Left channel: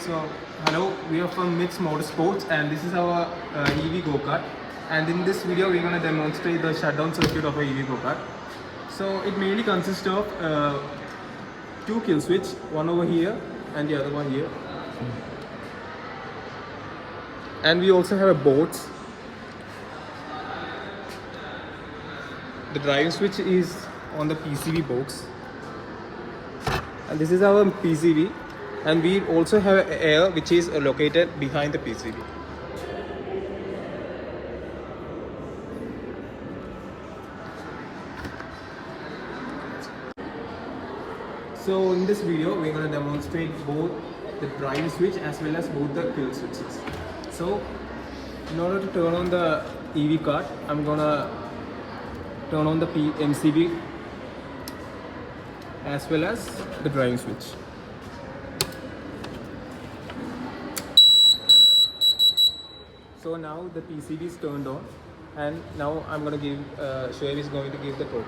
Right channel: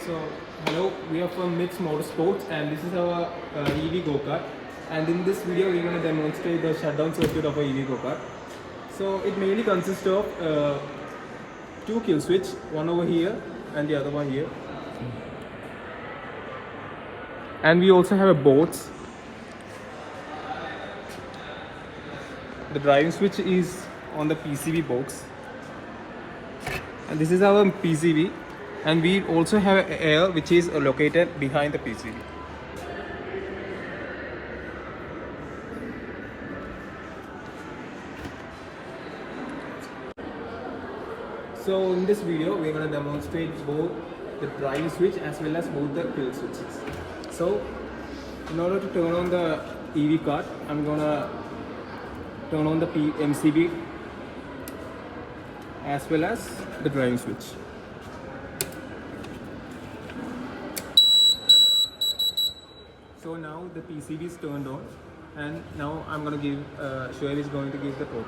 So, hello, we are from Mix Motorsports and this is our EV go-kart. And in this video, we're going to demonstrate the shutdown circuit of a EV go-kart. So, it mainly consists of two kill switch, one over here and the other one here. And we also have a boards. The driving switch is on the PCB box. And this is our PCB. And we also have air which is located behind the PCB. So in this video we're going to demonstrate both the drive switch as well as both the kill switches. So in order to turn on the EV card, I'm going to turn on the MCB as well as the driving switch. So now the PCB is turned on, and now I'm going to show you is going to give the code.